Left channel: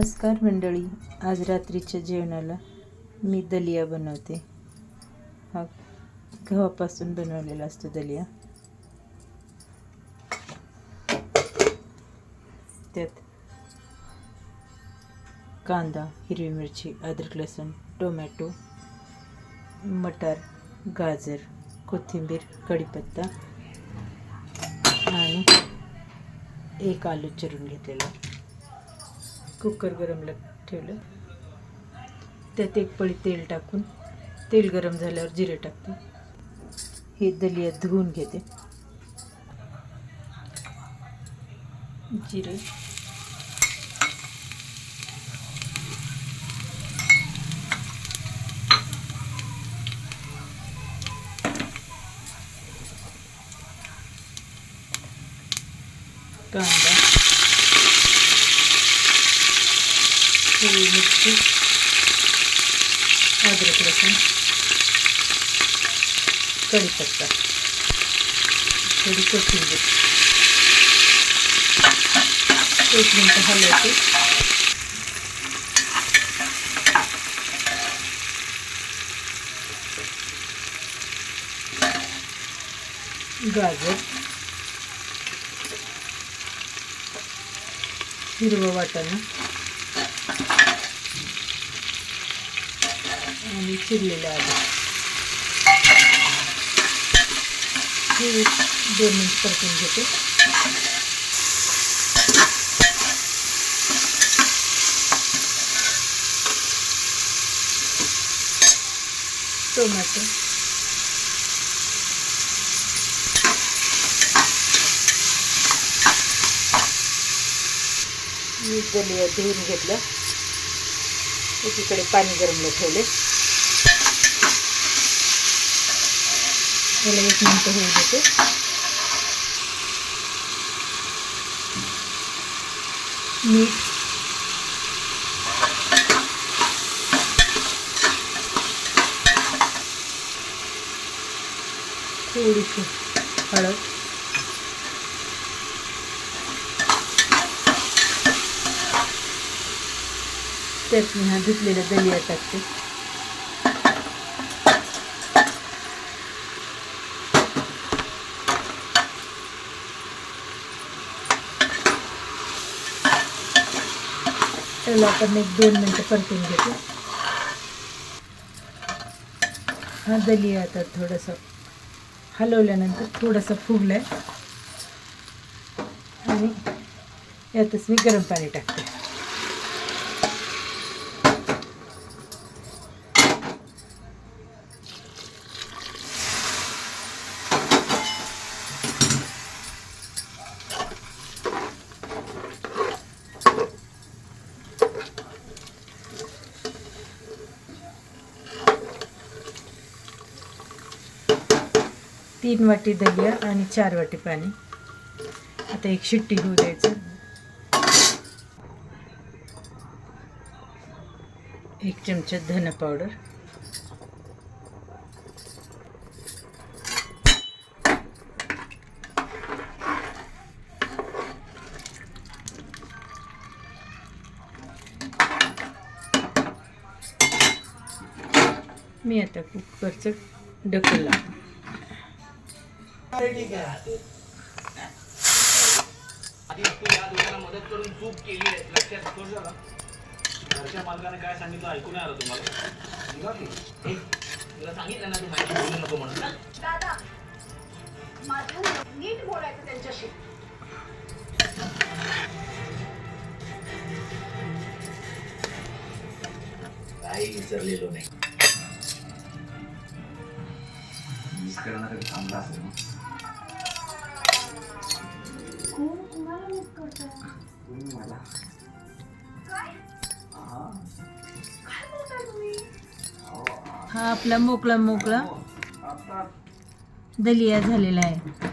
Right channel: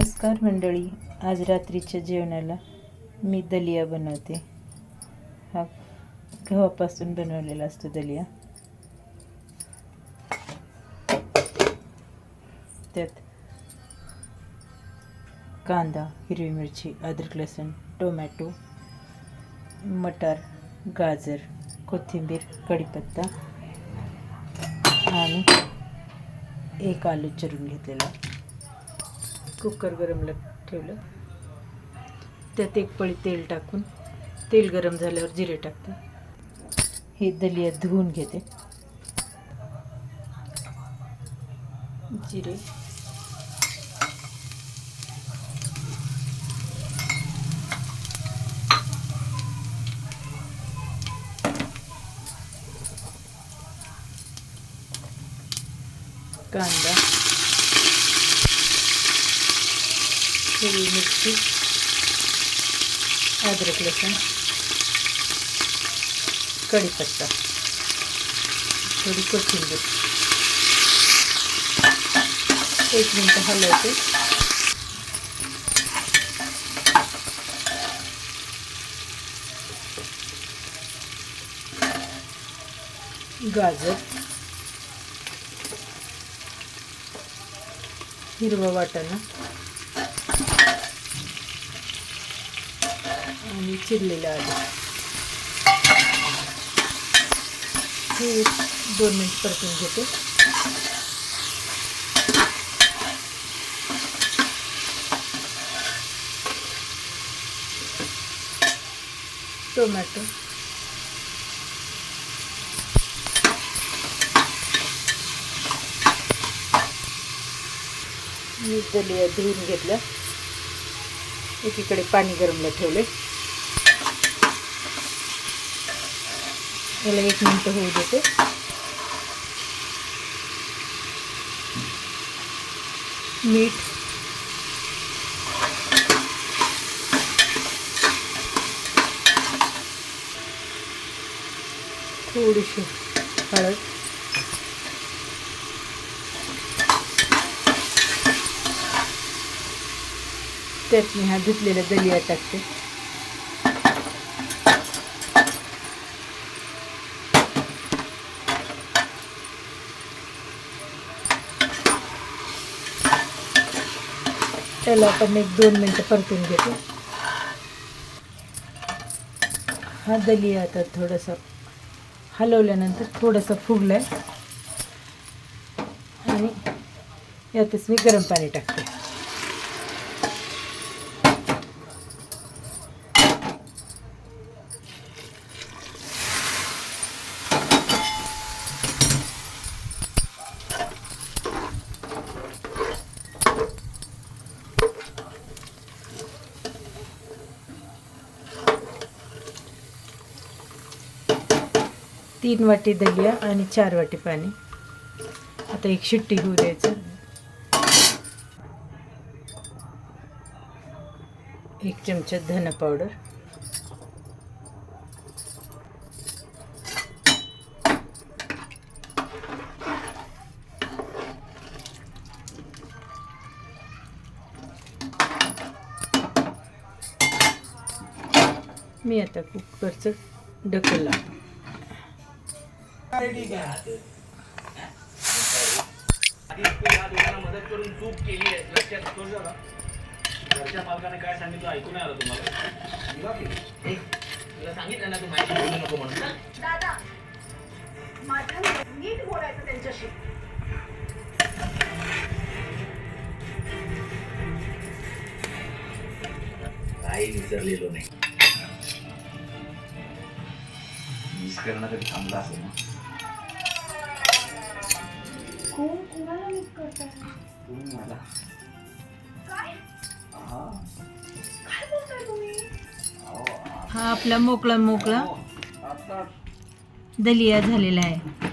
नमस्कार मंडळी आज रात्रीच्या जेवणाला मी दलिया बनवते. हा गव्हापासून बनवलेला असतो दलिया. त्यात कांदा हिरवी मिरची अद्रक लसूण टोमॅटो मटार गाजर कोथिंबीर कढीपत्ता आणि एक आलू चिरून घेतलेला. कुकर गरमला ठेवलं. त्यात एक पळी तेल टाकून तेल गरम झाल्यावर जिरे टाकते. हे दलिया धुवून घेते. जिरे. कांदा. हिरवी मिरची अद्रक लसूण कढीपत्ता थोडी कोथिंबीर एक मिनटं हलवते गाजर हिरवं वाटाणा मी चिरलेलं आलं हे दोन मिनिट परतून घेते. टोमॅटो. मी दलिया धुवून घेतलं. एकीकडे पाणी गरमला ठेवले. याला एक मिनटं होऊ देते. मीठ. थोडीशी हळद. त्यात मी हा धुतलेला दलिया टाकते. त्याला आपण एक दोन मिनटं परतून घेतो. हा दलिया आता थोडंसं हलवल्यानंतर थोडंसं फुगलं आणि यातच मी गरम पाणी टाकते. तीन वाटी दलिया आणि चार वाटी पाणी. आता एक शिट्टी होऊ द्यायचं. एक चमचा धन पावडर. मी आता कुकरचं ढकल लावतो मदत करून चूक केली आहे लक्षात करू जरा घरच्या मालकाने काय सांगितलं ऐकून आलं तुम्हाला निघा की. तुला सांगितलं ना तू माहिती बोलू नको म्हणून चल. दादा माझं नीट बोलायचं त्यांच्याशी काही विसरलेलो नाही मिस करणं तरी थांबला असेल ना कोण कोणाला मिस करताय तुम्ही मला काय हा. काय बोलताय तुम्ही अहो, हा आपला मोकळा मोकळा आता दलिया झालेला आहे